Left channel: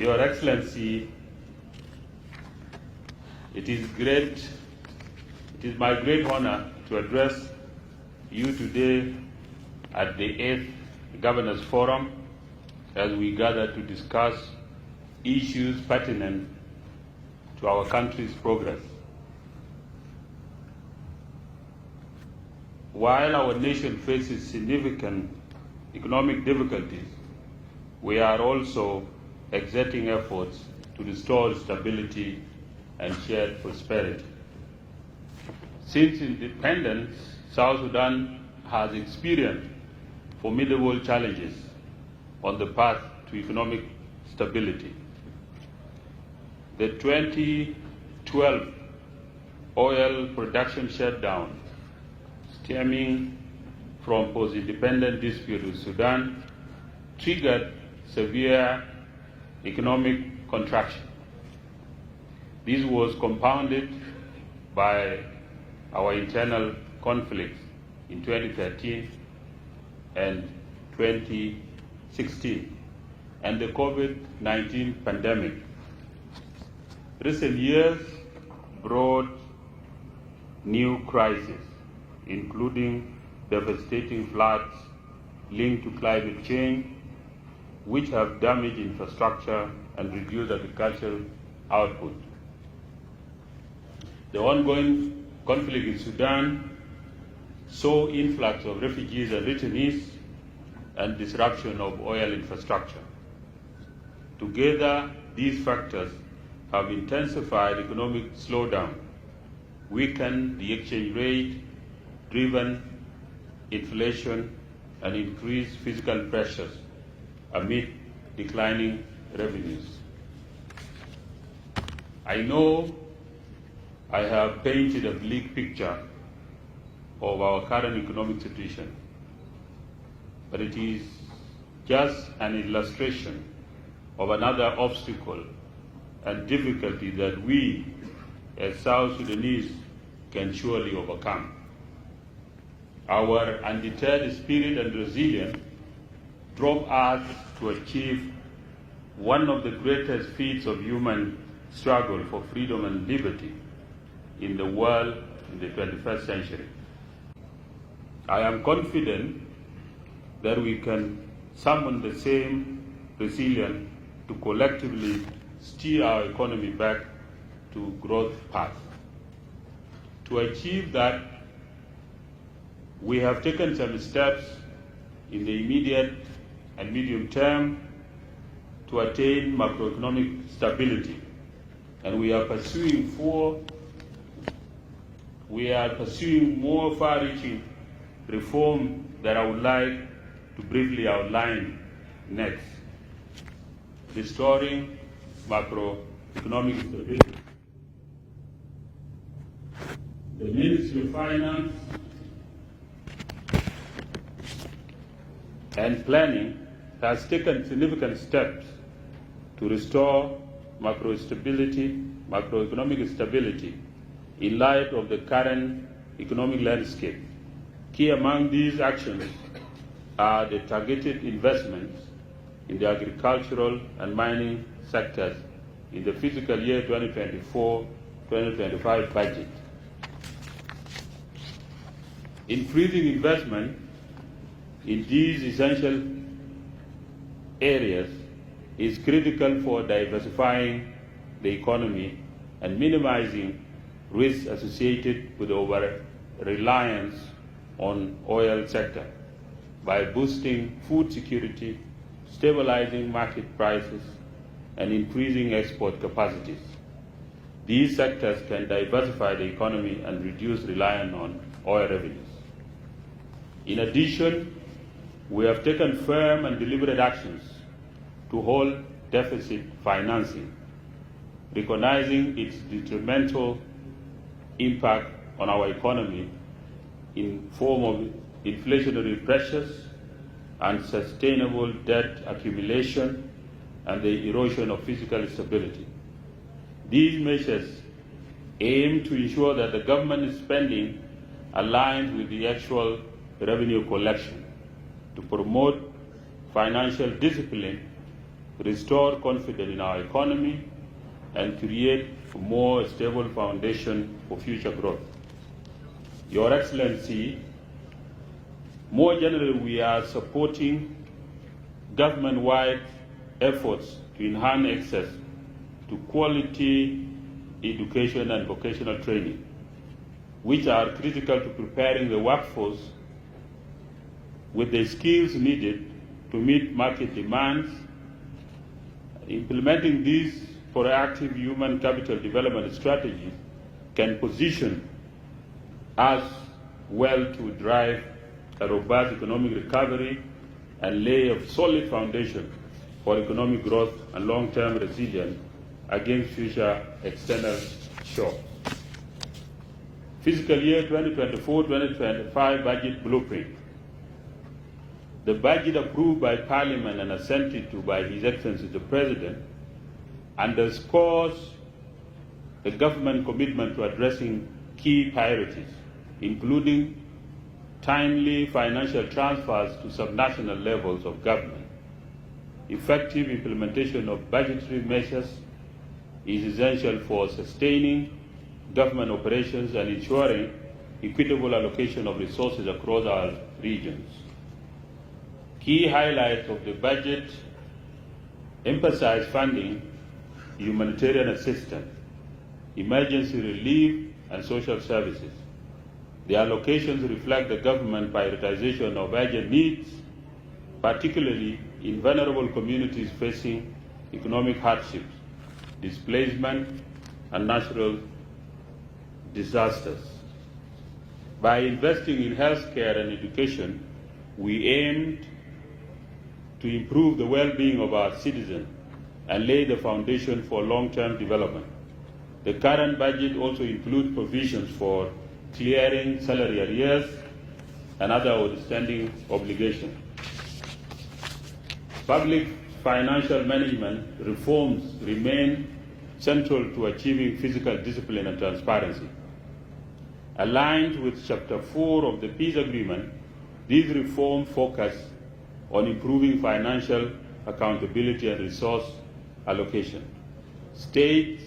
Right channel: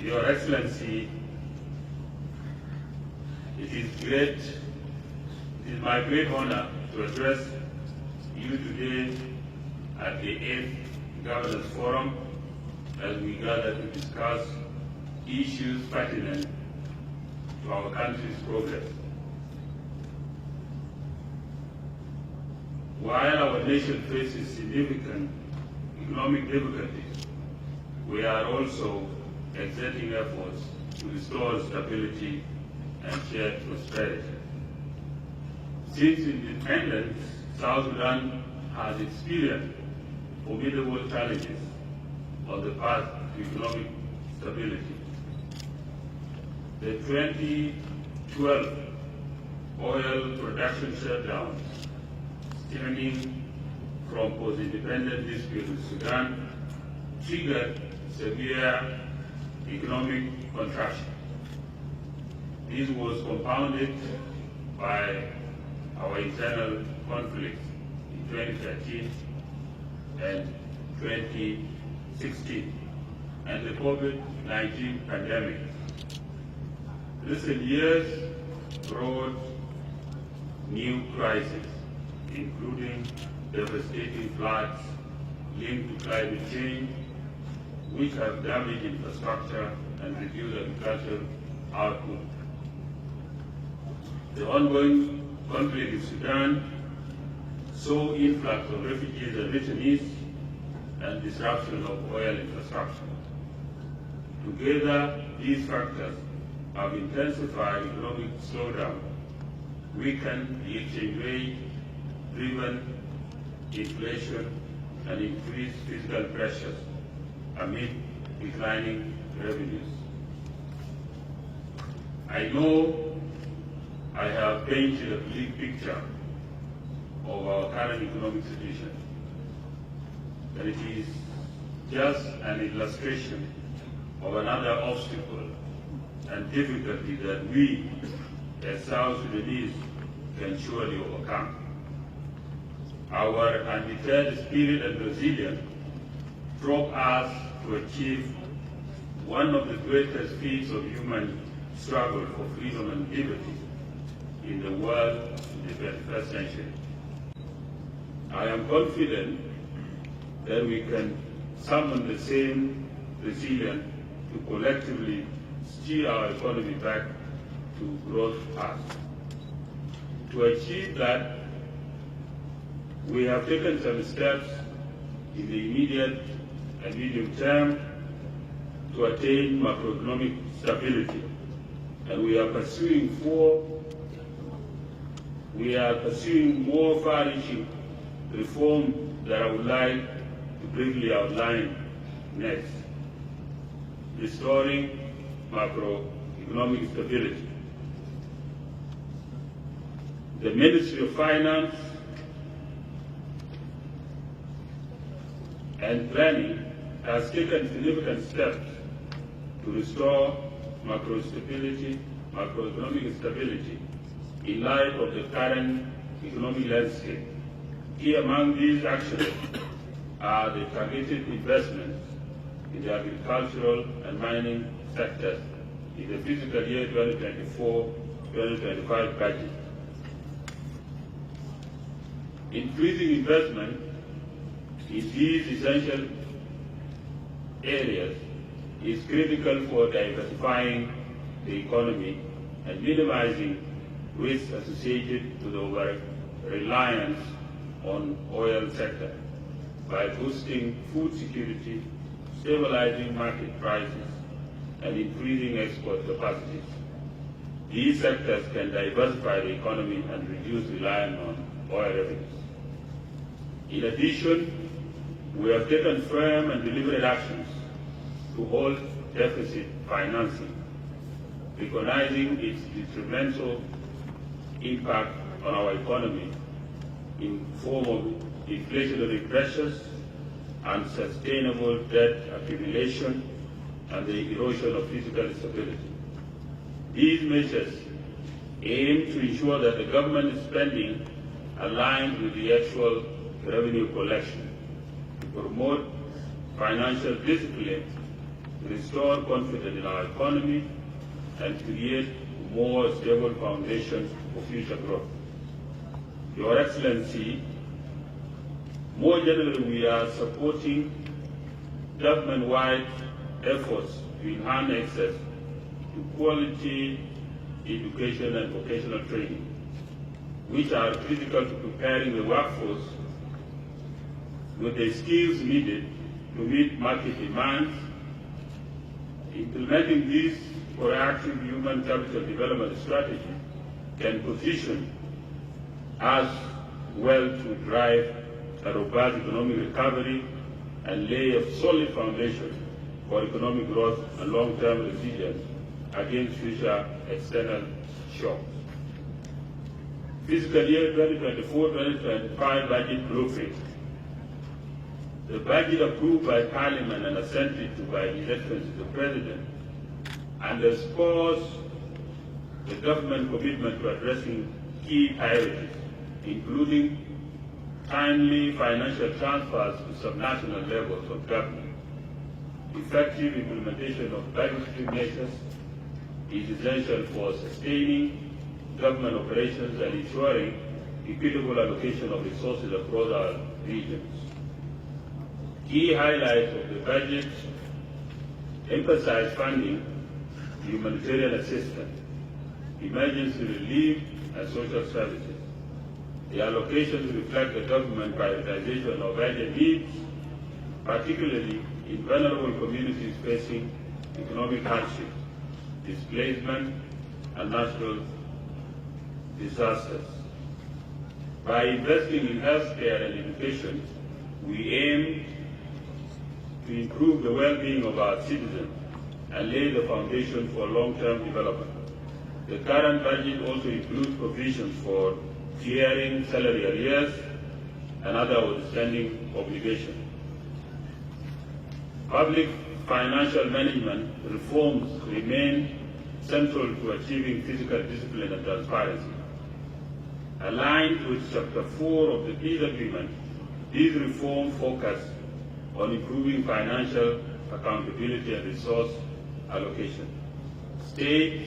Your Excellency, it is my great honor to address you today at the 8th Governors Forum as we gather to discuss issues pertinent to our country's progress. While our nation faces significant economic difficulties, we are also exerting efforts to restore stability and shared prosperity. Since independence, South Sudan has experienced formidable challenges on the path to economic stability. The 2012 oil production shutdown stemming from post-independence dispute with Sudan triggered severe economic contraction. This was compounded by our internal conflicts in 2013 and 2016 and the COVID-19 pandemic. Recent years brought new crises, including devastating floods linked to climate change, which have damaged infrastructure and reduced agricultural output. The ongoing conflict in Sudan saw influx of refugees and returnees and disruption of oil infrastructure. Together, these factors have intensified economic slowdown, weakened the exchange rate, driven inflation, and increased fiscal pressures amid declining revenues. I know I have painted a bleak picture of our current economic situation, but it is just an illustration of another obstacle and difficulty that we, as South Sudanese, can surely overcome. Our undeterred spirit and resilience drove us to achieve one of the greatest feats of human struggle for freedom and liberty in the world in the 21st century. I am confident that we can summon the same resilience to collectively steer our economy back to growth path. To achieve that, we have taken some steps in the immediate and medium term to attain macroeconomic stability, and we are pursuing more far-reaching reform that I would like to briefly outline next. Restoring macroeconomic stability. The Ministry of Finance and Planning has taken significant steps to restore macroeconomic stability in light of the current economic landscape. Key among these actions are the targeted investments in the agricultural and mining sectors in the fiscal year 2024-2025 budget. Increasing investment in these essential areas is critical for diversifying the economy and minimizing risks associated with over-reliance on oil sector by boosting food security, stabilizing market prices, and increasing export capacities. These sectors can diversify the economy and reduce reliance on oil revenues. In addition, we have taken firm and deliberate actions to halt deficit financing, recognizing its detrimental impact on our economy in form of inflationary pressures, unsustainable debt accumulation, and the erosion of fiscal stability. These measures aim to ensure that the government spending aligns with the actual revenue collection, to promote financial discipline, restore confidence in our economy, and create a more stable foundation for future growth. Your Excellency, more generally, we are supporting government-wide efforts to enhance access to quality education and vocational training, which are critical to preparing the workforce with the skills needed to meet market demands. Implementing these proactive human capital development strategies can position us well to drive a robust economic recovery and lay a solid foundation for economic growth and long-term resilience against future external shocks. Fiscal year 2024-2025 budget blueprint. The budget approved by Parliament and assented to by His Excellency the President underscores the government commitment to addressing key priorities, including timely financial transfers to subnational levels of government. Effective implementation of budgetary measures is essential for sustaining government operations and ensuring equitable allocation of resources across our regions. Key highlights of the budget emphasize funding humanitarian assistance, emergency relief, and social services. The allocations reflect the government prioritization of urgent needs, particularly in vulnerable communities facing economic hardships, displacement, and natural disasters. By investing in healthcare and education, we aim to improve the well-being of our citizens and lay the foundation for long-term development. The current budget also includes provisions for clearing salary arrears and other outstanding obligations. Public financial management reforms remain central to achieving fiscal discipline and transparency. Aligned with Chapter 4 of the Peace Agreement, these reforms focus on improving financial accountability and resource allocation. States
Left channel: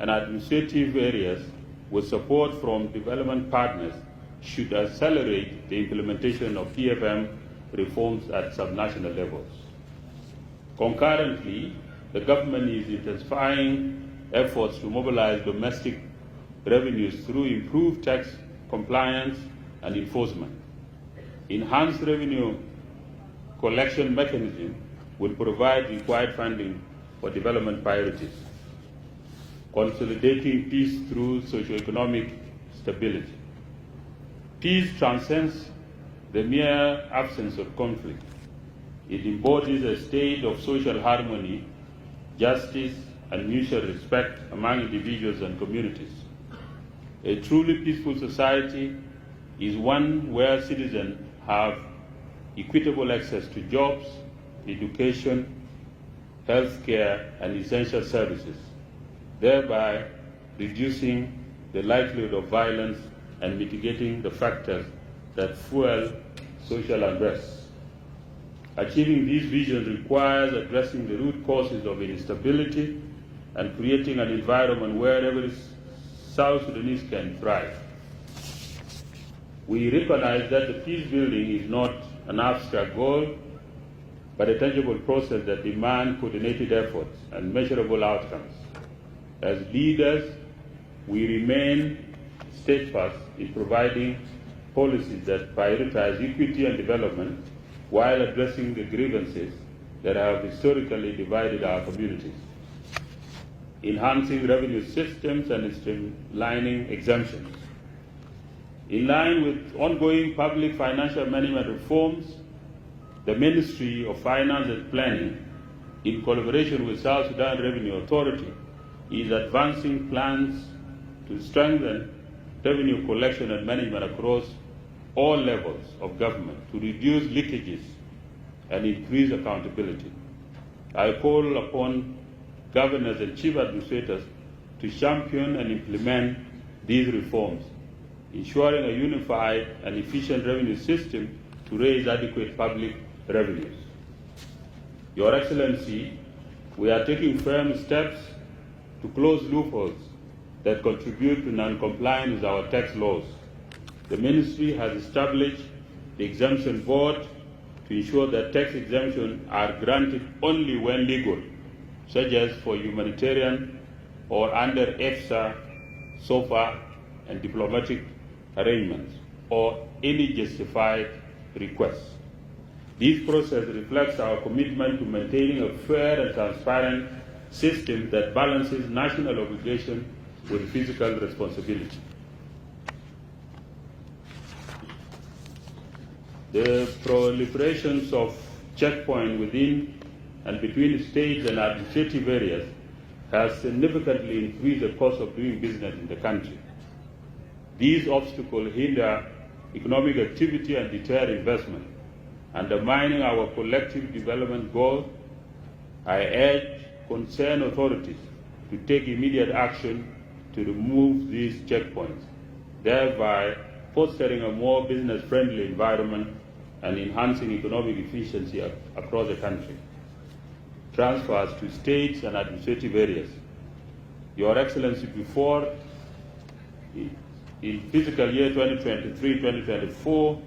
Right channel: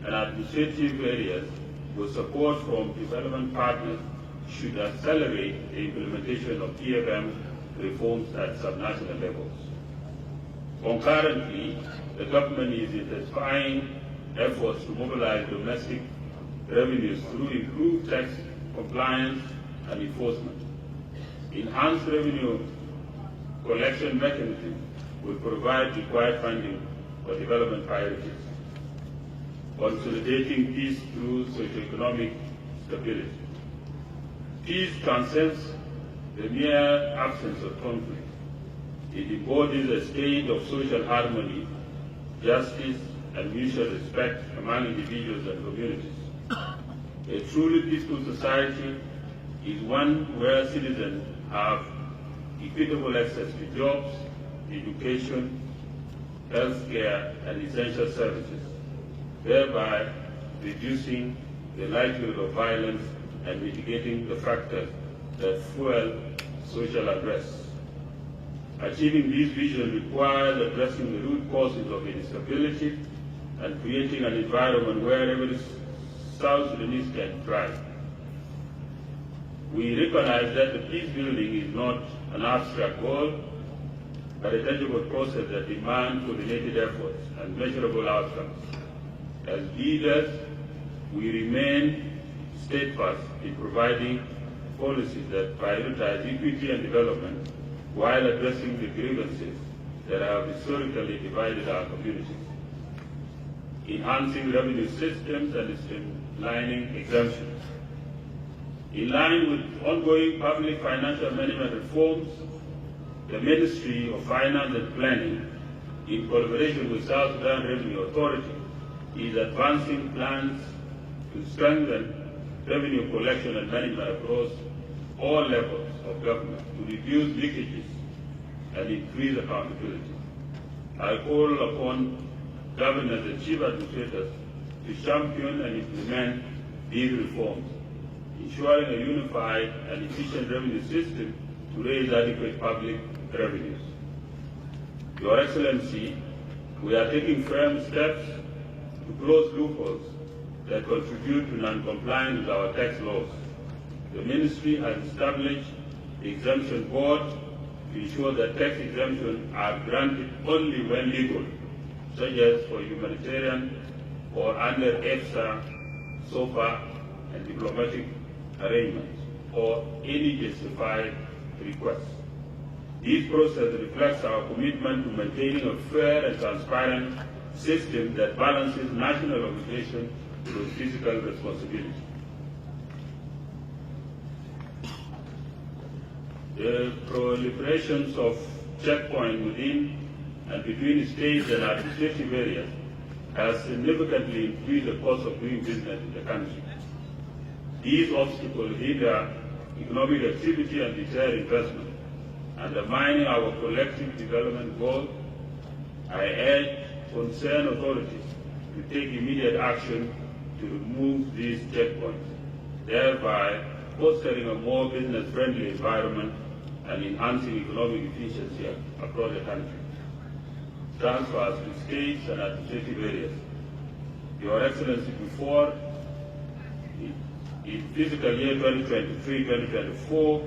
and administrative areas, with support from development partners, should accelerate the implementation of PFM reforms at subnational levels. Concurrently, the government is intensifying efforts to mobilize domestic revenues through improved tax compliance and enforcement. Enhanced revenue collection mechanisms will provide required funding for development priorities, consolidating peace through socioeconomic stability. Peace transcends the mere absence of conflict. It embodies a state of social harmony, justice, and mutual respect among individuals and communities. A truly peaceful society is one where citizens have equitable access to jobs, education, health care, and essential services, thereby reducing the likelihood of violence and mitigating the factors that fuel social unrest. Achieving these visions requires addressing the root causes of instability and creating an environment where every South Sudanese can thrive. We recognize that the peace building is not an abstract goal, but a tangible process that demands coordinated efforts and measurable outcomes. As leaders, we remain steadfast in providing policies that prioritize equity and development while addressing the grievances that have historically divided our communities, enhancing revenue systems and streamlining exemptions. In line with ongoing public financial management reforms, the Ministry of Finance and Planning, in collaboration with South Sudan Revenue Authority, is advancing plans to strengthen revenue collection and management across all levels of government to reduce leakages and increase accountability. I call upon governors and chief administrators to champion and implement these reforms, ensuring a unified and efficient revenue system to raise adequate public revenues. Your Excellency, We are taking firm steps to close loopholes that contribute to non-compliance with our tax laws. The Ministry has established the Exemption Board to ensure that tax exemptions are granted only when legal, such as for humanitarian or under EFSA, SOFA, and diplomatic arrangements, or any justified request. This process reflects our commitment to maintaining a fair and transparent system that balances national obligation with fiscal responsibility. The proliferation of checkpoints within and between states and administrative areas has significantly increased the cost of doing business in the country. These obstacles hinder economic activity and deter investment, undermining our collective development goals. I urge concerned authorities to take immediate action to remove these checkpoints, thereby fostering a more business-friendly environment and enhancing economic efficiency across the country. Transfers to states and administrative areas. Your Excellency, before in fiscal year 2023-2024,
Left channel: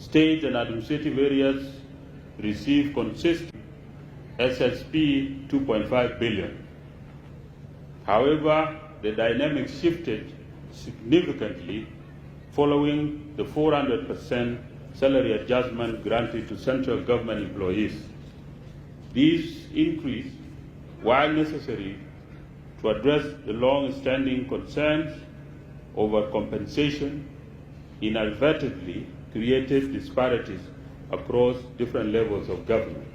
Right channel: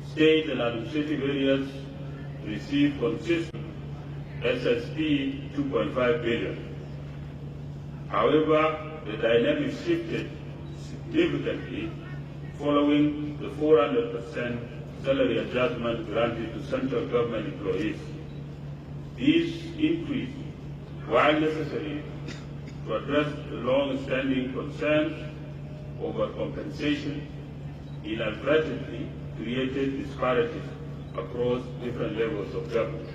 states and administrative areas received consistent SSP 2.5 billion. However, the dynamic shifted significantly following the 400% salary adjustment granted to central government employees. This increase, while necessary to address the long-standing concerns over compensation, inadvertently created disparities across different levels of government.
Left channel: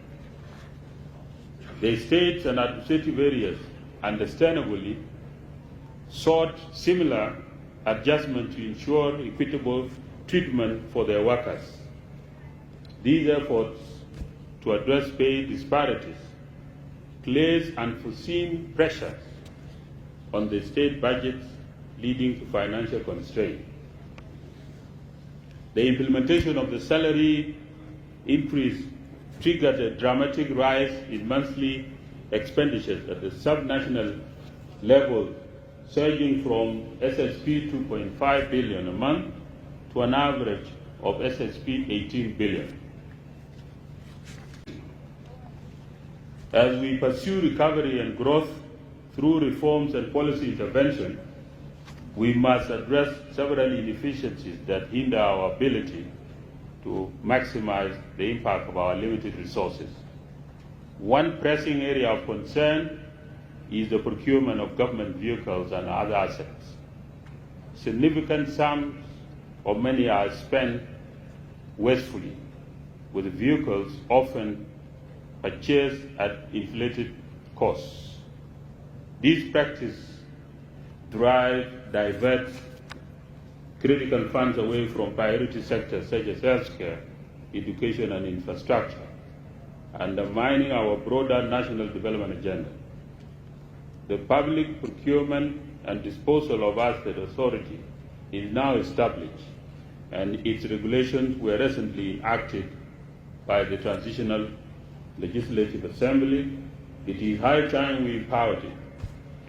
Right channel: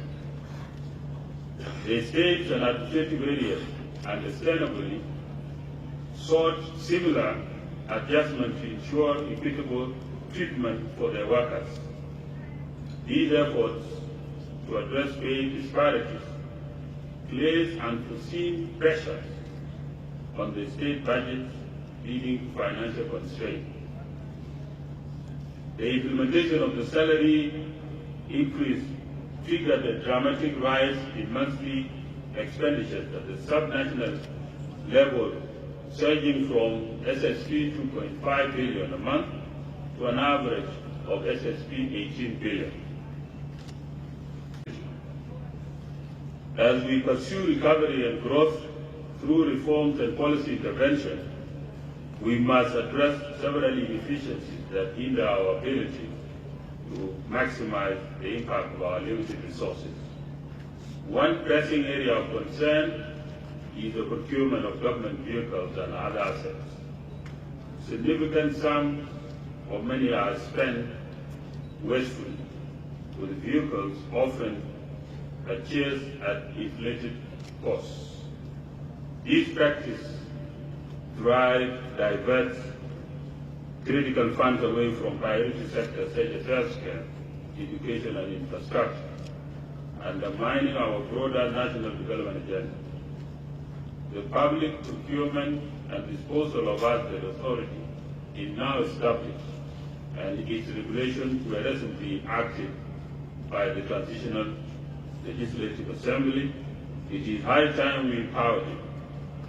The states and administrative areas, understandably, sought similar adjustment to ensure equitable treatment for their workers. These efforts to address pay disparities place unforeseen pressures on the state budgets, leading to financial constraint. The implementation of the salary increase triggered a dramatic rise in monthly expenditures at the subnational level, surging from SSP 2.5 billion a month to an average of SSP 18 billion. As we pursue recovery and growth through reforms and policy intervention, we must address several inefficiencies that hinder our ability to maximize the impact of our limited resources. One pressing area of concern is the procurement of government vehicles and other assets. Significant sums of money are spent wastefully, with vehicles often purchased at inflated costs. This practice diverts critical funds away from priority sectors such as healthcare, education, and infrastructure, undermining our broader national development agenda. The Public Procurement and Disposal of Assets Authority is now established, and its regulations were recently acted by the Transitional Legislative Assembly. It is high time we empowered it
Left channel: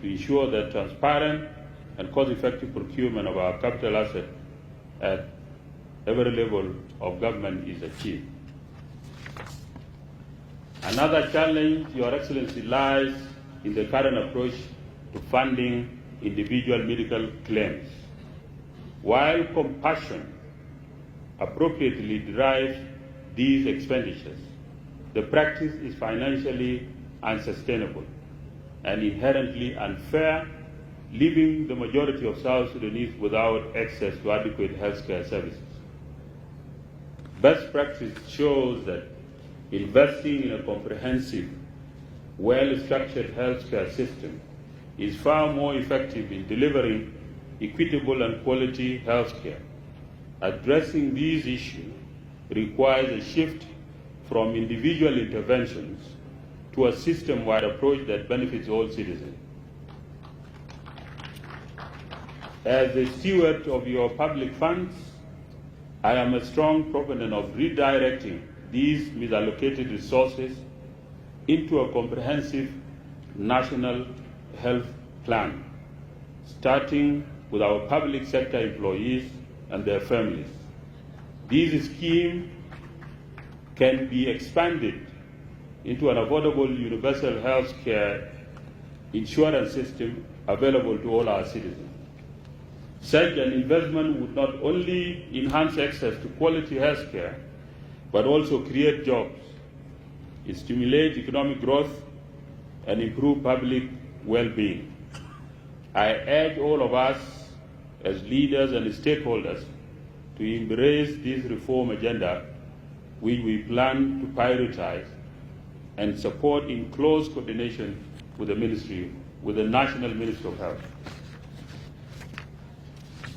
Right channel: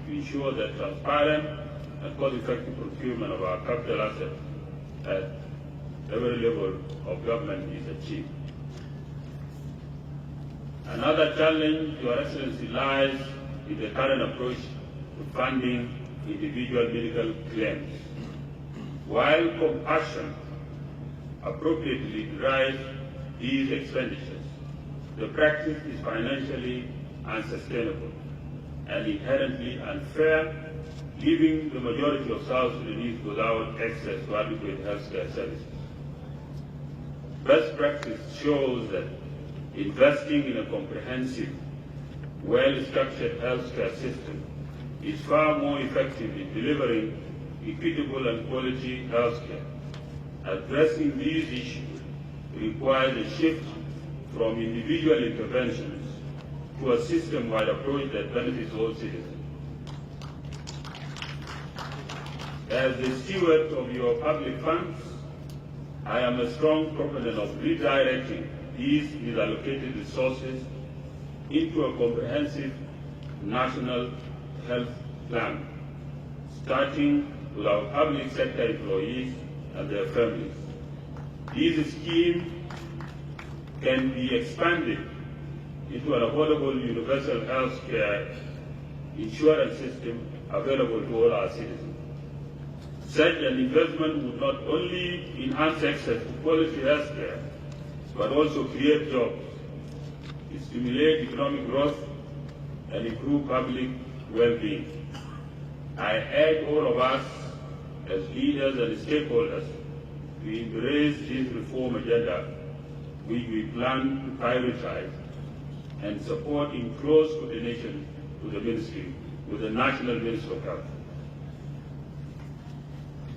to ensure that transparent and cost-effective procurement of our capital assets at every level of government is achieved. Another challenge, Your Excellency, lies in the current approach to funding individual medical claims. While compassion appropriately drives these expenditures, the practice is financially unsustainable and inherently unfair, leaving the majority of South Sudanese without access to adequate healthcare services. Best practice shows that investing in a comprehensive, well-structured healthcare system is far more effective in delivering equitable and quality healthcare. Addressing these issues requires a shift from individual interventions to a system-wide approach that benefits all citizens. As the steward of your public funds, I am a strong proponent of redirecting these misallocated resources into a comprehensive national health plan, starting with our public sector employees and their families. This scheme can be expanded into an affordable universal health care insurance system available to all our citizens. Such an investment would not only enhance access to quality health care, but also create jobs, stimulate economic growth, and improve public well-being. I urge all of us as leaders and stakeholders to embrace this reform agenda, which we plan to prioritize and support in close coordination with the Ministry, with the National Ministry of Health.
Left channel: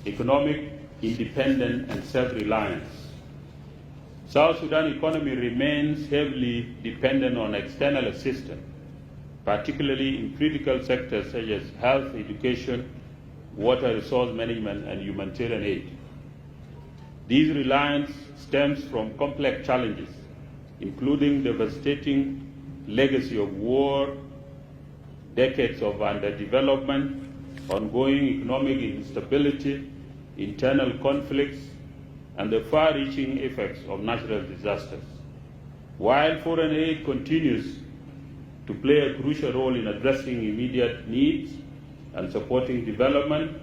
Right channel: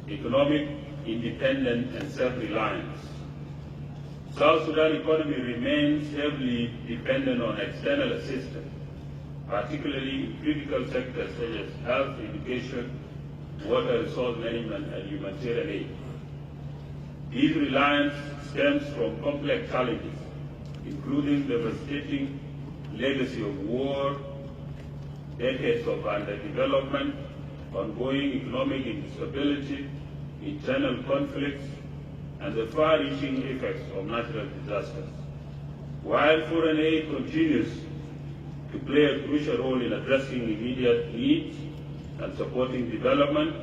Economic independence and self-reliance. South Sudan economy remains heavily dependent on external assistance, particularly in critical sectors such as health, education, water resource management, and humanitarian aid. This reliance stems from complex challenges, including devastating legacy of war, decades of underdevelopment, ongoing economic instability, internal conflicts, and the far-reaching effects of natural disasters. While foreign aid continues to play a crucial role in addressing immediate needs and supporting development,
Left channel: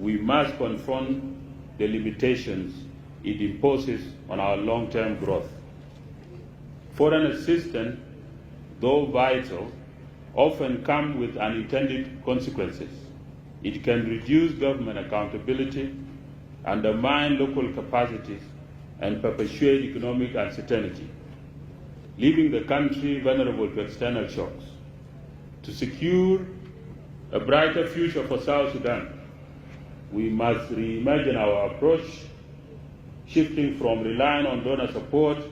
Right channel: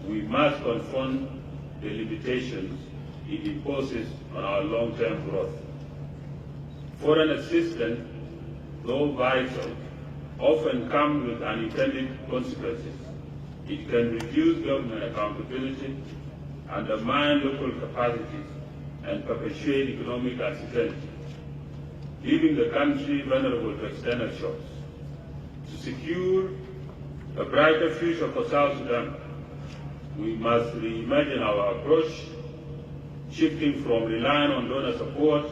we must confront the limitations it imposes on our long-term growth. Foreign assistance, though vital, often comes with unintended consequences. It can reduce government accountability, undermine local capacities, and perpetuate economic uncertainty, leaving the country vulnerable to external shocks. To secure a brighter future for South Sudan, we must reimagine our approach, shifting from relying on donor support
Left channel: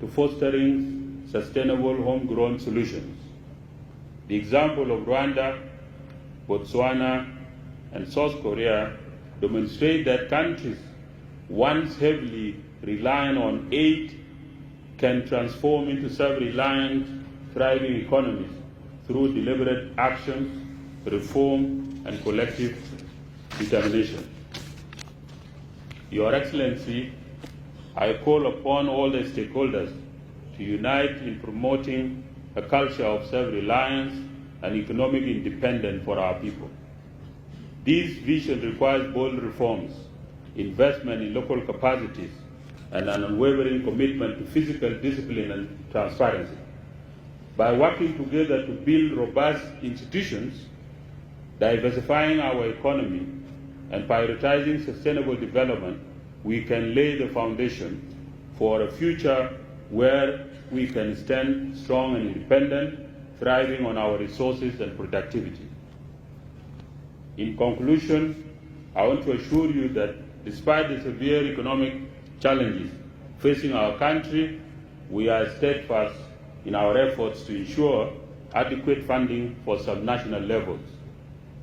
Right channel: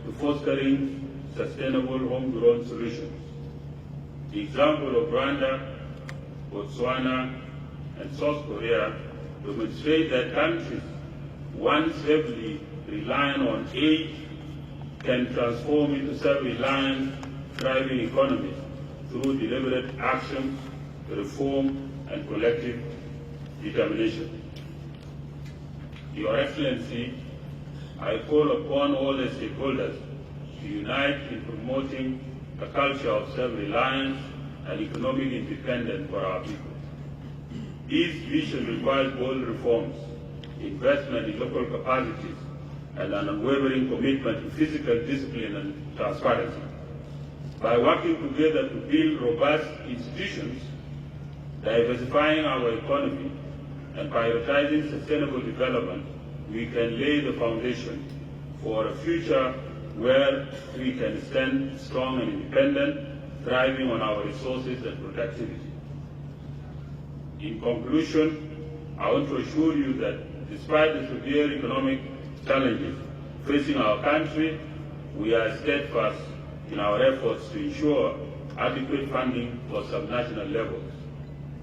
to fostering sustainable homegrown solutions. The example of Rwanda, Botswana, and South Korea demonstrate that countries once heavily relying on aid can transform into self-reliant, thriving economies through deliberate action, reform, and collective determination. Your Excellency, I call upon all the stakeholders to unite in promoting a culture of self-reliance and economic independence for our people. This vision requires bold reforms, investment in local capacities, and an unwavering commitment to physical discipline and transparency. By working together to build robust institutions, diversifying our economy, and prioritizing sustainable development, we can lay the foundation for a future where we can stand strong and independent, thriving on our resources and productivity. In conclusion, I want to assure you that despite the severe economic challenges facing our country, we are steadfast in our efforts to ensure adequate funding for subnational levels.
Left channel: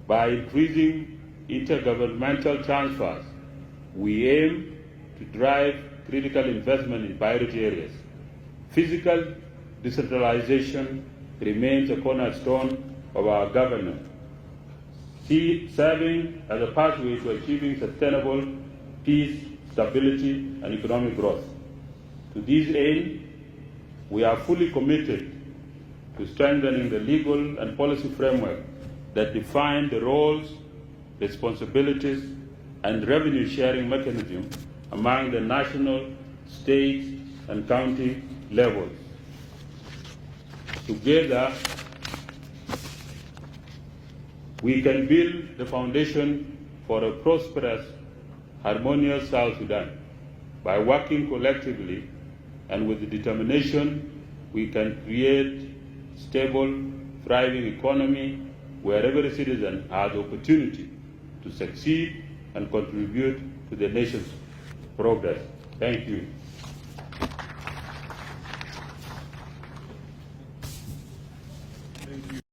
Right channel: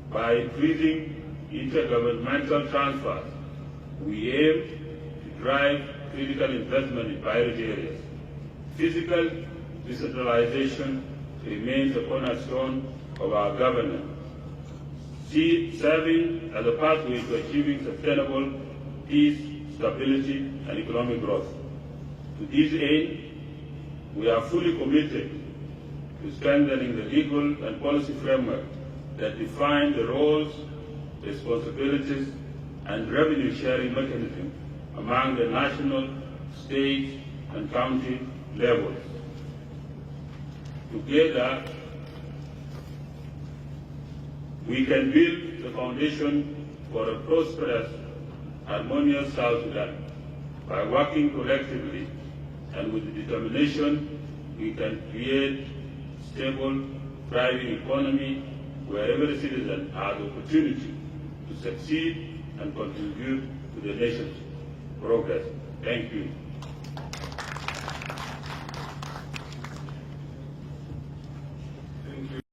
By increasing intergovernmental transfers, we aim to drive critical investment in priority areas. Physical decentralization remains a cornerstone of our governance, serving as a pathway to achieving sustainable peace, stability, and economic growth. To this aim, we are fully committed to strengthening the legal and policy framework that define the roles, responsibilities, and revenue-sharing mechanisms among the national, state, and county levels. Together, we can build the foundation for a prosperous, harmonious South Sudan. By working collectively and with determination, we can create stable, thriving economy where every citizen has opportunity to succeed and contribute to the nation's progress. Thank you.